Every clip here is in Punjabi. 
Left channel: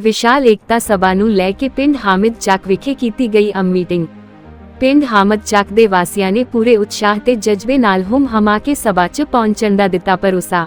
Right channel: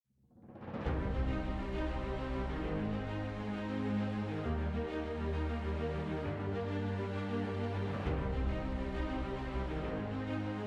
ਵਿਸ਼ਾਲ ਏਕਤਾ ਸਭਾ ਨੂੰ ਲੈ ਕੇ ਪਿੰਡ ਹਾਮਿਦ ਚੱਕ ਵਿਖੇ ਕੀਤੀ ਗਈ ਅਮ ਮੀਟਿੰਗ। ਪਿੰਡ ਹਾਮਦ ਚੱਕ ਦੇ ਵਾਸੀਆਂ ਨੇ ਪੂਰੇ ਉਤਸ਼ਾਹ ਤੇ ਜਜ਼ਬੇ ਨਾਲ ਹੁਮ ਹਮਾ ਕੇ ਸਭਾ 'ਚ ਪਹੁੰਚਣ ਦਾ ਦਿੱਤਾ ਭਰੋਸਾ।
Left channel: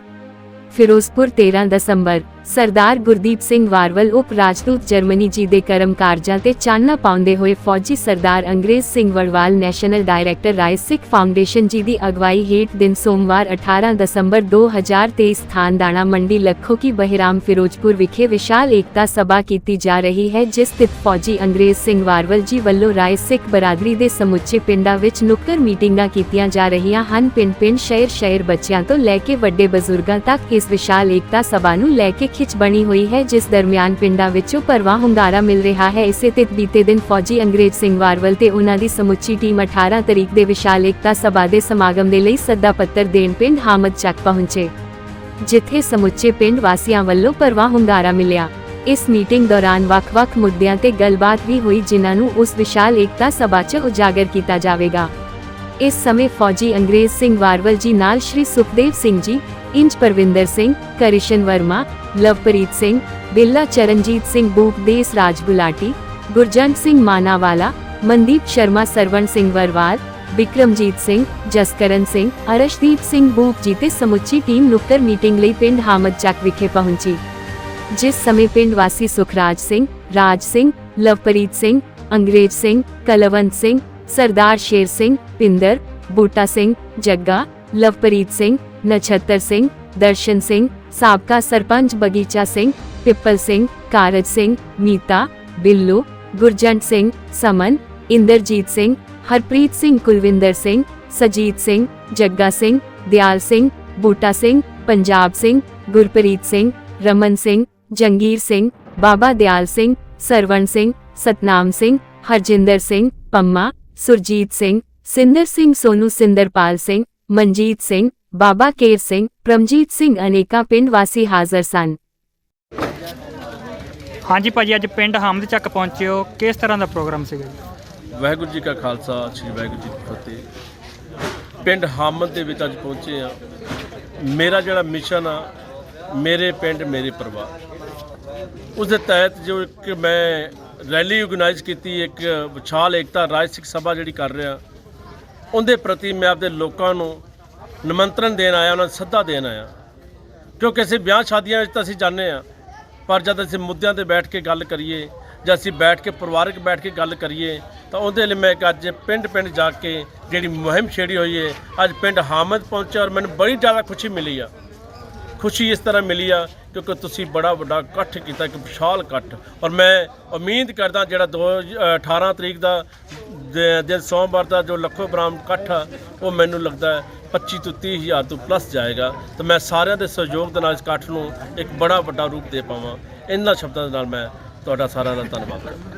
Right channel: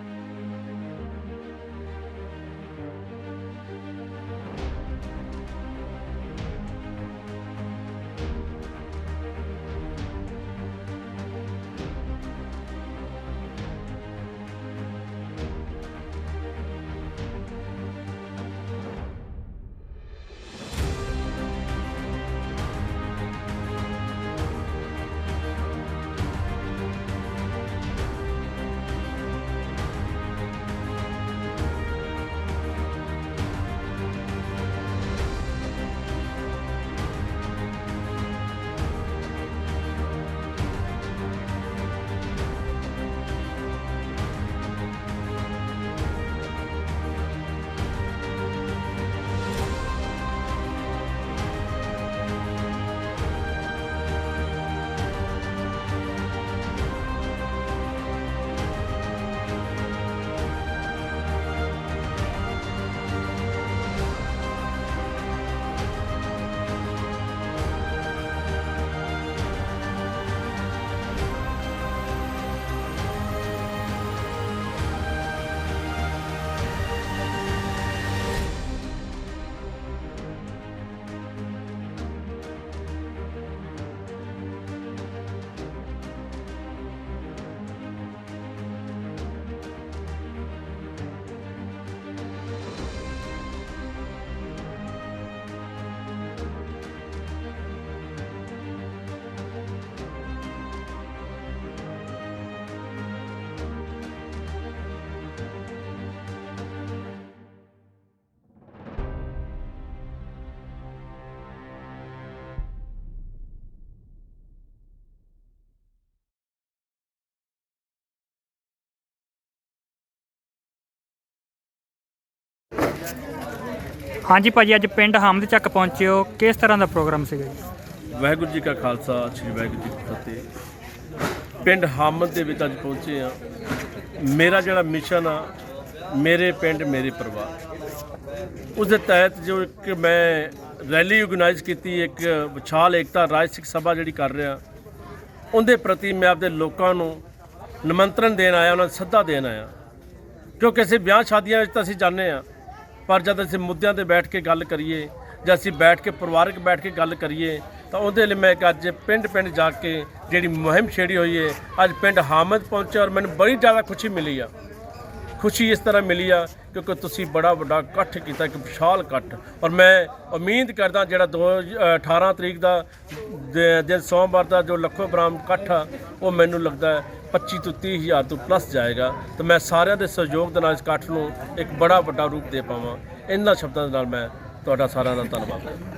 ਫਿਰੋਜ਼ਪੁਰ 13 ਦਸੰਬਰ ਸਰਦਾਰ ਗੁਰਦੀਪ ਸਿੰਘ ਵਾਰਵਲ ਉਪ ਰਾਜਦੂਤ ਜਰਮਨੀ ਜੀ ਦੇ ਕਰਮ ਕਾਰਜਾਂ ਤੇ ਚਾਨਣਾ ਪਾਉਂਦੇ ਹੋਏ ਫੌਜੀ Sardar Angrez Singh Warwal national director Rai Sikh foundation ji ਦੀ ਅਗਵਾਈ ਹੇਠ ਦਿਨ ਸੋਮਵਾਰ 18 ਦਸੰਬਰ 2023 ਸਥਾਨ ਦਾਣਾ ਮੰਡੀ ਲੱਖੋ ਕੀ ਬਹਿਰਾਮ ਫਿਰੋਜ਼ਪੁਰ ਵਿਖੇ ਵਿਸ਼ਾਲ ਏਕਤਾ ਸਭਾ ਕੀਤੀ ਜਾ ਰਹੀ ਹੈ, ਜਿਸ ਸਥਿਤ ਫੌਜੀ ਅੰਗਰੇਜ਼ ਸਿੰਘ ਵਾਰਵਲ ਜੀ ਵੱਲੋਂ ਰਾਏ ਸਿੱਖ ਬਰਾਦਰੀ ਦੇ ਸਮੁੱਚੇ ਪਿੰਡਾਂ ਵਿੱਚ ਨੁੱਕਰ ਮੀਟਿੰਗਾਂ ਕੀਤੀਆਂ ਜਾ ਰਹੀਆਂ ਹਨ। ਪਿੰਡ-ਪਿੰਡ, ਸ਼ਹਿਰ-ਸ਼ਹਿਰ ਬੱਚਿਆਂ ਤੋਂ ਲੈ ਕੇ ਵੱਡੇ ਬਜ਼ੁਰਗਾਂ ਤੱਕ ਇਸ ਵਿਸ਼ਾਲ ਏਕਤਾ ਸਭਾ ਨੂੰ ਲੈ ਕੇ ਖਿੱਚ ਬਣੀ ਹੋਈ ਹੈ, ਜਿਸ ਦਰਮਿਆਨ ਪਿੰਡਾਂ ਵਿੱਚੋਂ ਪਰਵਾਹ ਹੁੰਗਾਰਾ ਮਿਲ ਰਿਹਾ ਹੈ। ਇਸੇ ਤਿਤ ਬੀਤੇ ਦਿਨ ਫੌਜੀ ਅੰਗਰੇਜ਼ ਸਿੰਘ ਵਾਰਵਲ ਤੇ ਉਹਨਾਂ ਦੀ ਸਮੁੱਚੀ ਟੀਮ 18 ਤਰੀਕ ਦੇ ਵਿਸ਼ਾਲ ਏਕਤਾ ਸਭਾ ਦੇ ਸਮਾਗਮ ਦੇ ਲਈ ਸੱਦਾ ਪੱਤਰ ਦੇਣ ਪਿੰਡ ਹਾਮਦ ਚੱਕ ਪਹੁੰਚੇ, ਜਿੱਥੇ ਸਮੁੱਚੇ ਪਿੰਡ ਵਾਸੀਆਂ ਵੱਲੋਂ ਪਰਵਾਹ ਹੁੰਗਾਰਾ ਮਿਲਿਆ। ਇਸ ਮੀਟਿੰਗ ਦੌਰਾਨ ਵੱਖ-ਵੱਖ ਮੁੱਦਿਆਂ ਤੇ ਗੱਲਬਾਤ ਵੀ ਹੋਈ, ਜਿਨ੍ਹਾਂ ਨੂੰ ਉਸ ਵਿਸ਼ਾਲ ਏਕਤਾ ਸਭਾ 'ਚ ਉਜਾਗਰ ਕੀਤਾ ਜਾਵੇਗਾ। ਇਸ ਸਮੇਂ ਫੌਜੀ ਅੰਗਰੇਜ਼ ਸਿੰਘ ਵਾਰਵਲ ਜੀ ਨਾਲ ਸ਼੍ਰੀ ਸੁਖਦੇਵ ਸਿੰਘ ਜੀ ਇੰਜ ਪਰਵਿੰਦਰ ਸਿੰਘ ਕਰਿਸ਼ਨ ਵਰਮਾ ਲਵਪ੍ਰੀਤ ਸਿੰਘ ਬਿੱਲਾ ਚਰਨਜੀਤ ਸਿੰਘ ਬੂਪ ਦੇਸ ਰਾਜ ਗੁਲਾਟੀ ਗੁਰਜੰਟ ਸਿੰਘ ਮਾਨਾਵਾਲਾ ਮਨਦੀਪ ਸ਼ਰਮਾ ਸਰਵਣ ਸਿੰਘ ਵਰਵਾਲ ਵਿਕਰਮਜੀਤ ਸਿੰਘ ਜਸਕਰਨ ਸਿੰਘ ਅਰਸ਼ਦੀਪ ਸਿੰਘ ਬੂਪ ਜੀ ਤੇ ਸਮੁੱਚੀ ਟੀਮ ਨੁੱਕਰ ਮੀਟਿੰਗ ਲਈ ਪਿੰਡ ਹਾਮਦ ਚੱਕ ਵਿਖੇ ਪਹੁੰਚੀ ਜਿਸ ਸਮੇਂ ਪਿੰਡ ਵਾਸੀ ਸੁਖਰਾਜ ਸਿੰਘ ਰਾਜ ਸਿੰਘ ਲਵਪ੍ਰੀਤ ਸਿੰਘ ਅੰਗਰੇਜ਼ ਸਿੰਘ ਕਲਵੰਤ ਸਿੰਘ ਸਰਦਾਰ ਸ਼ੇਰ ਸਿੰਘ ਪਿੰਦਰ ਬੂਟਾ ਸਿੰਘ ਜੱਗਾ ਲਵਪ੍ਰੀਤ ਸਿੰਘ ਨਛੱਤਰ ਸਿੰਘ ਦਰਸ਼ਨ ਸਿੰਘ ਸਾਬਕਾ ਸਰਪੰਚ ਬਗੀਚਾ ਸਿੰਘ ਪਿੱਪਲ ਸਿੰਘ ਕਾਰਜ ਸਿੰਘ ਨੀਤਾ ਬਿੱਲੂ ਗੁਰਜੰਟ ਸਿੰਘ ਸਮਨ ਇੰਦਰਜੀਤ ਸਿੰਘ ਹਰਪ੍ਰੀਤ ਸਿੰਘ ਕੁਲਵਿੰਦਰ ਸਿੰਘ ਸਜੀਤ ਸਿੰਘ ਜੱਗਾ ਸਿੰਘ ਦਿਆਲ ਸਿੰਘ ਬੂਟਾ ਸਿੰਘ ਪੰਜਾਬ ਸਿੰਘ ਗੁਰਪ੍ਰੀਤ ਸਿੰਘ ਰਮਨ ਸਿੰਘ ਜੰਗੀਰ ਸਿੰਘ ਬਾਬਾ ਦਿਆਲ ਸਿੰਘ ਸਰਵਣ ਸਿੰਘ ਸਤਨਾਮ ਸਿੰਘ ਹਰਜਿੰਦਰ ਸਿੰਘ ਪੰਮਾ ਸੁਰਜੀਤ ਸਿੰਘ ਸਿੰਦਰ ਸਿੰਘ ਸੋਨੂ ਸਿੰਦਰਪਾਲ ਸਿੰਘ ਮਨਜੀਤ ਸਿੰਘ ਬਾਬਾ ਕੇਰ ਸਿੰਘ ਪ੍ਰਮਜੀਤ ਸਿੰਘ ਅਨੇਕਾਂ ਪਿੰਡ ਵਾਸੀ ਹਾਜ਼ਰ ਸਨ। ਹਾਂਜੀ ਭਾਜੀ ਅੱਜ ਪਿੰਡ ਹਮਦ ਚੱਕ ਪਹੁੰਚੇ ਹੋ। ਕਿਸ ਤਰ੍ਹਾਂ ਦਾ ਪ੍ਰੋਗਰਾਮ ਸੀਗਾ ਜੀ? ਵਾਹਿਗੁਰੂ ਜੀ ਕਾ ਖਾਲਸਾ ਸ੍ਰੀ ਵਾਹਿਗੁਰੂ ਜੀ ਕੀ ਫਤਿਹ। ਪਿੰਡ ਹਾਮਦ ਦੇ ਵਿੱਚ ਅੱਜ ਪਹੁੰਚੇ ਆ ਮੇਰਾ ਜਿਹੜਾ ਮਿਸ਼ਨ ਆ ਮੇਰੇ ਪਿੰਡ ਮੇਰੇ ਪਰਿਵਾਰ। ਉਸ ਦੇ ਤਹਿਤ ਜੋ ਇੱਕ ਮੈਂ ਰੈਲੀ ਆਰਗੇਨਾਈਜ਼ ਕੀਤੀ, ਇੱਕ ਵਿਸ਼ਾਲ ਏਕਤਾ ਰਾਜ ਸਿੱਖ ਸਭਾ ਜਿਹੜੀ ਕਰ ਰਿਹਾ। ਉਹਦੇ ਪ੍ਰਤੀ ਮੈਂ ਆਪਦੇ ਲੋਕਾਂ ਨੂੰ ਨਿਮੰਤਰਣ ਦੇਣ ਆਇਆ, ਉਹਨਾਂ ਨੂੰ ਸੱਦਾ ਦੇਣ ਆਇਆ। ਕਿਉਂਕਿ ਅਸੀਂ ਵਿਆਹ ਸ਼ਾਦੀਆਂ ਵਿੱਚ ਤਾਂ ਅਸੀਂ ਜਾਂਦੇ ਆ ਪਰ ਜਦ ਅਸੀਂ ਮੁੱਦਿਆਂ ਤੇ ਬੈਠ ਕੇ ਗੱਲ ਕਰੀਏ, ਜਾਂ ਅਸੀਂ ਬੈਠ ਕੇ ਪਰਿਵਾਰਕ ਬੈਠ ਕੇ ਗੱਲ ਕਰੀਏ, ਤਾਂ ਉਹਦੇ ਲਈ ਮੈਂ ਇੱਕ ਅੱਜ ਪਿੰਡ ਪਿੰਡ ਜਾ ਕੇ ਜਿਹੜੀ ਮੁਹਿੰਮ ਛੇੜੀ ਹੋਈ ਹੈ, ਅੱਜ ਪਿੰਡ ਹਾਮਦ ਪਹੁੰਚਿਆ ਔਰ ਮੈਨੂੰ ਬੜੀ ਜ਼ਿਆਦਾ ਖੁਸ਼ੀ ਮਿਲੀ ਆ। ਖੁਸ਼ੀ ਇਸ ਤਰ੍ਹਾਂ ਮਿਲੀ ਆ ਕਿਉਂਕਿ ਤੁਸੀਂ ਬੜਾ ਵੱਡਾ ਇਕੱਠ ਕੀਤਾ ਇੱਕ ਵਿਸ਼ਾਲ ਇਕੱਠ। ਔਰ ਮੈਂ ਉਮੀਦ ਕਰਦਾ ਜਿਹੜਾ ਦੋ ਅ, 18 ਤਰੀਕ ਦਾ ਦਿਨ ਸੋਮਵਾਰ ਦਾ ਜੋ ਲੱਖੋ ਬਰਾਮ ਇਕੱਠ ਆ ਉਹ ਮੈਨੂੰ ਲੱਗਦਾ ਹੈ 25 ਤੋਂ 30 ਹਜ਼ਾਰ ਤੋਂ ਪਲੱਸ ਜਾਏਗਾ। ਤਾਂ ਮੈਂ ਸਾਰਿਆਂ ਦੇ ਸਹਿਯੋਗ ਦੇ ਨਾਲ ਇਸ ਇਕੱਠ ਨੂੰ ਇੱਕ ਬੜਾ ਵੱਡਾ ਰੂਪ ਦੇ ਪਾਵਾਂ। ਇਹਨਾਂ ਸ਼ਬਦਾਂ ਦੇ ਨਾਲ ਮੈਂ ਤੁਹਾਡਾ ਸਾਰਿਆਂ ਦਾ ਧੰਨਵਾਦ ਕਰਦਾ